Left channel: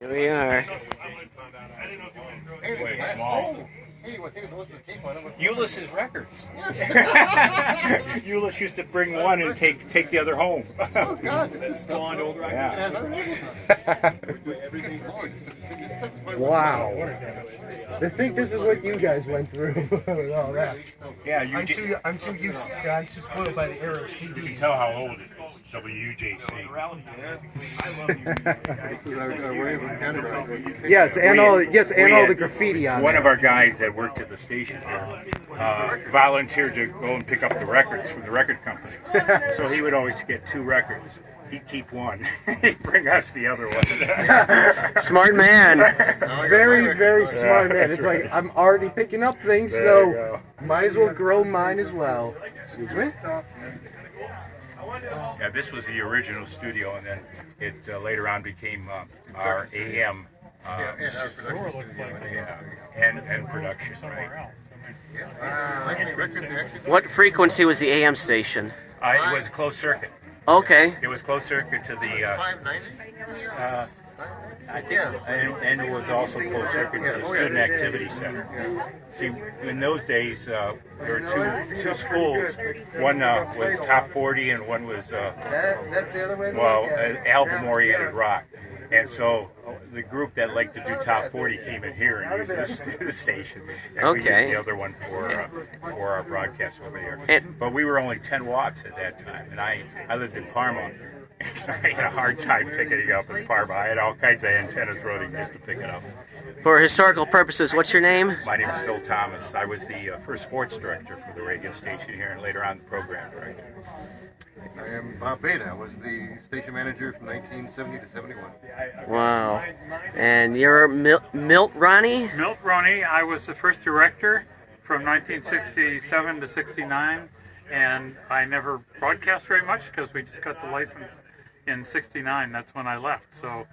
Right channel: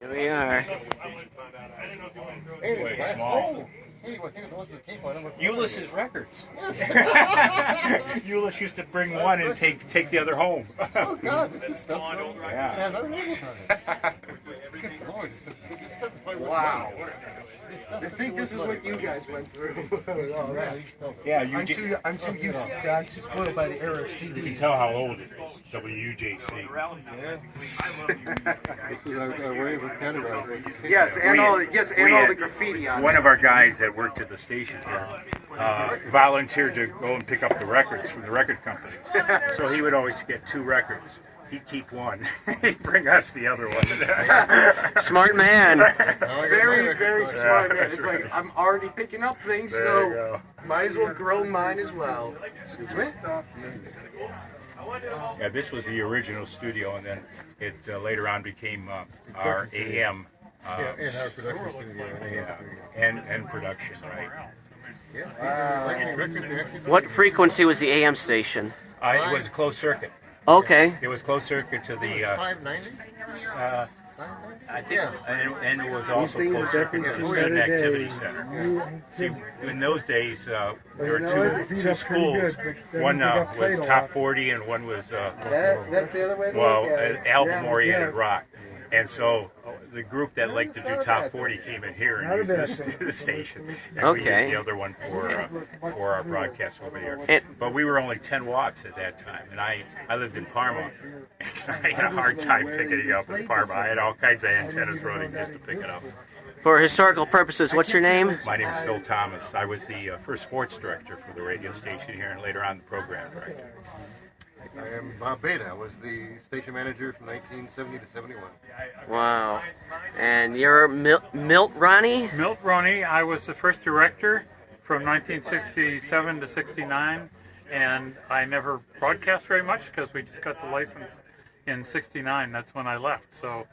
Here we are. Way small. Ulysses Records. Euless used to bring one and take the other home. Oh God, this is stuff. Yeah. It has our name on it. Wow. To think this is what you guys went through with all that. Yeah, I'm too spoiled by the era of You can CDs. tell how old it is. WUJC. Yes, and all the graffiti on One it. of our guys that worked at the station here volunteered to go and pick up the records from the record companies. So he would always get 2 records. He'd keep one. He'd bring us the other one. Smart man. Very, very smart man. It's like, I'm already picking up things, There you so go. might as well grow mine as well. Excuse me? Yeah, this was the original studio, and then it later on became our AM and production, right? What frequency was the AM station? It was closed circuit. Okay. It was closed circuit to the, 590. I think, and it was also closed circuit to the Student Activity Center. See, in those days, there were two schools. One was Top 40 and one was, That's the other way to look at it. album-oriented rock. And so the group that liked to do Top 40 came in here and used the station. And we used Okay. the other one for our broadcast over here. And- But we were only 10 watts at that time. And I lived in Parma. I had a hard time picking it up in Parma. I had all kinds of antennas running just to pick it up. For historical purposes, what's your name? My name is Phil Thomas. I was the first sports director for the radio station here and later on the program director. I am Bob Beta. I was the station manager from 1970 to 71. Wow. And you're Milt Roney? Milt Roney. I was the first director from 1967 to 69, and I never broadcast very much because we just got the license in 69. That's when I left. So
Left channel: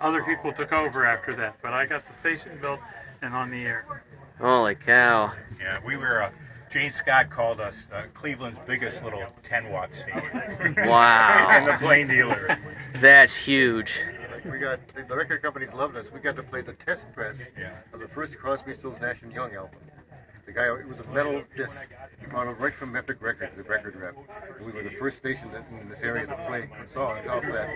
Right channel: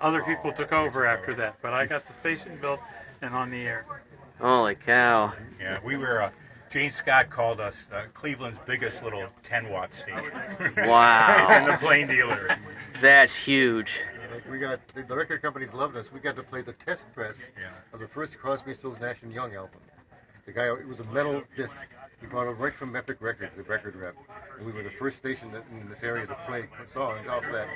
other people took over after that, but I got the station built and on the air. Holy cow. Yeah, we were. Jane Scott called us Cleveland's biggest little 10-watt station. Wow. And the plain dealer. That's huge. We got the record companies loved us. We got to play the test press of the first Crosby, Stills, Nash and Young album. The guy, it was a metal disc. He brought it right from Epic Records, the record rep. And we were the first station in this area to play songs off that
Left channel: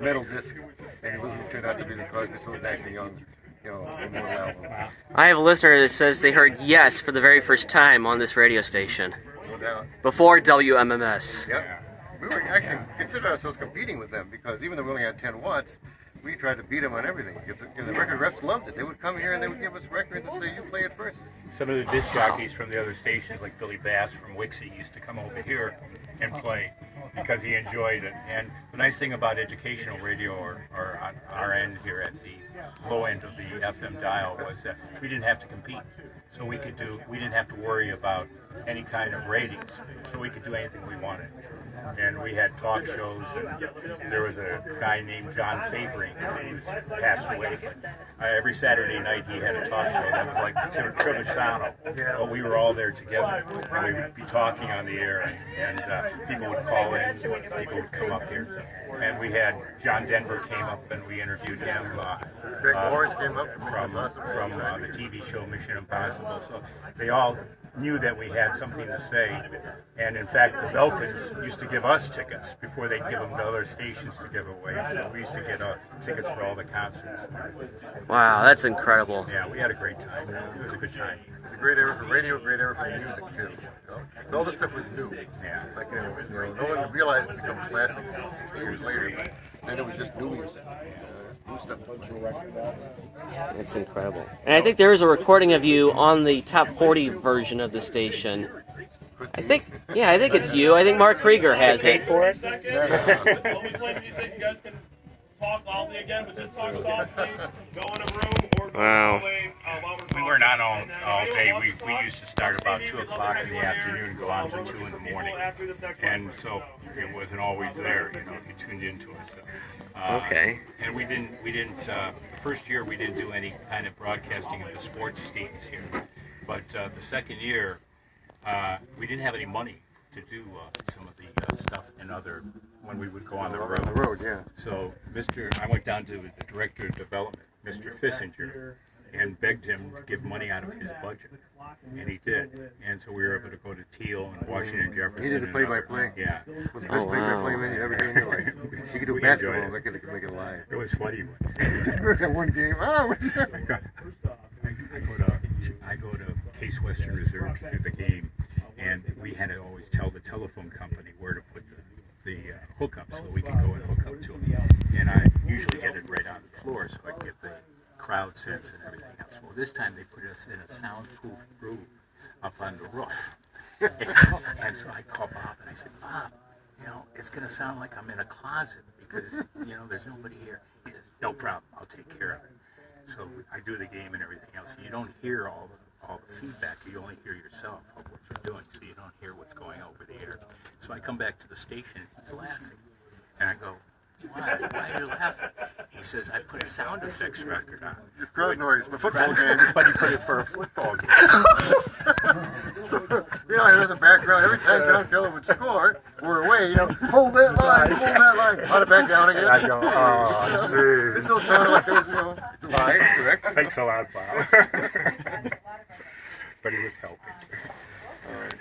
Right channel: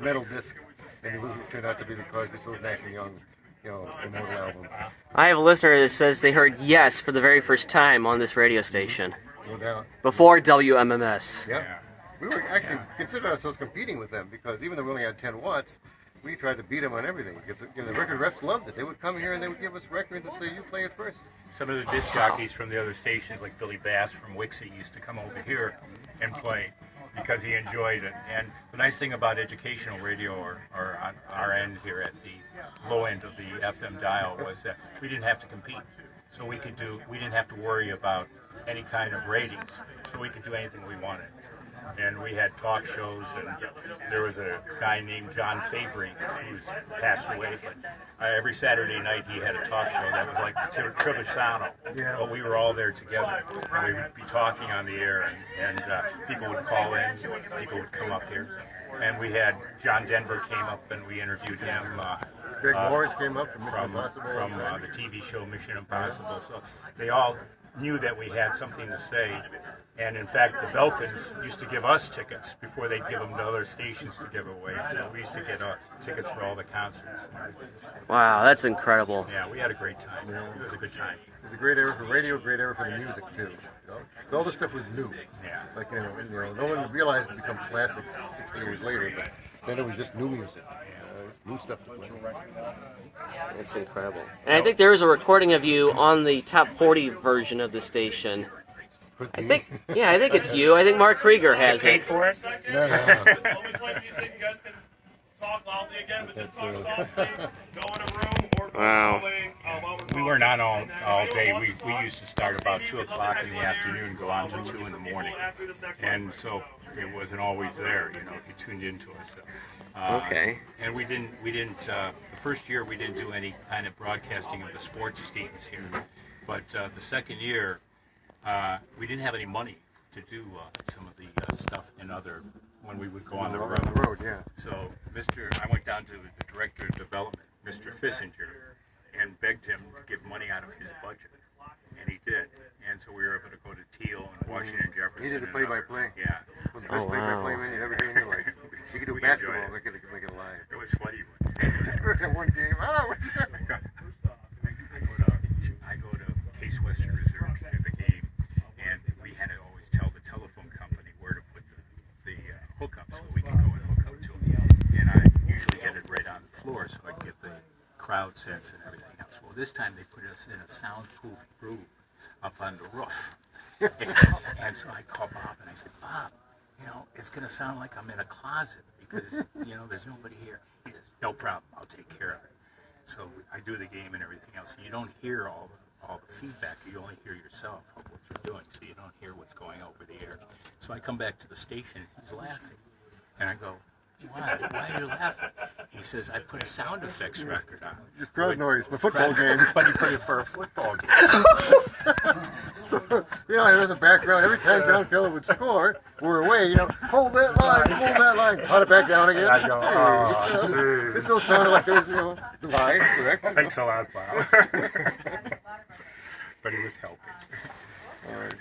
metal disc. And it turned out to be the Crosby, Stills, Nash and Young, immortal album. I have a listener that says they heard Yes for the very first time on this radio station. No doubt. Before WMMS. Yep. We were actually considered ourselves competing with them because even though we only had 10 watts, we tried to beat them on everything. The record reps loved it. They would come here and they would give us records and say, "You play it first." Some of the disc jockeys from the other stations, like Billy Bass from WUJC, used to come over here and play because he enjoyed it. And the nice thing about educational radio, or on our end here at the low end of the FM dial, was that we didn't have to compete. So we didn't have to worry about any kind of ratings. So we could do anything we wanted. And we had talk shows, and there was a guy named John Fabry. He passed away, but every Saturday night he had a talk show that was like Trevisano. But we were all there together, and we would be talking on the air, and people would call in, people would come up here. And we had John Denver came up, and we interviewed him. Greg Morris came up from the TV show Mission Impossible. So they all knew that we had something to say, and in fact the Belkins used to give us tickets before they'd give them to other stations to give away, so we used to get tickets for all the concerts. Wow, that's incredible. Yeah, we had a great time. It was a good time. It was a great era for radio, great era for music too. All this stuff was new. Yeah. Like no one realized it become classics 60 years later, but then it was just new music. New stuff. It's incredible. And I think there is a recording of you on the top 40 version of the station. I think it's you. I think Mark Krieger has it. For it? Wow. We were not on all day. We used to start about 2 o'clock in the afternoon and go on to 2 in the morning. And so it wasn't always there, if you tuned into us. Okay. And we didn't. The first year we didn't do any kind of broadcasting of the sports teams here. But the second year, we didn't have any money to do some of the stuff in other when we would go on the On road. the road, yeah. So I went down to the director of development, Mr. Fissinger, and begged him to give money out of his budget, and he did. And so we were able to go to Teal and Washington Jefferson. He did the play-by-play. Yeah. Was the best play-by-play man you'd ever seen in your life. He could do We basketball, enjoyed make it live. It was funny. That one game, I go to Case Western Reserve to do the game, and we had to always tell the telephone company where to put the hookup so we could go and hook up to them. And I usually get it right on the floor so I can get the crowd sense and everything else. Well, this time they put us in a soundproof room up on the roof. And so I called Bob and I said, Bob, it's going to sound like I'm in a closet because, there's nobody here. He says, no problem, I'll take care of it. So I do the game and everything else. You don't hear all the feedback. You only hear yourself of what you're doing, so you don't hear what's going over the air. So I come back to the station, he's laughing. And I go, why are you laughing? He says, I put a sound effects record on. Your crowd noise, my football game. But he put it for a football game. So, I hear the background every time John Keller would score. We're away, hold that line, hold it back down again. I go, oh, This still sounded like it was, live, correct? Thanks a lot, Bob. But he was helping. All right.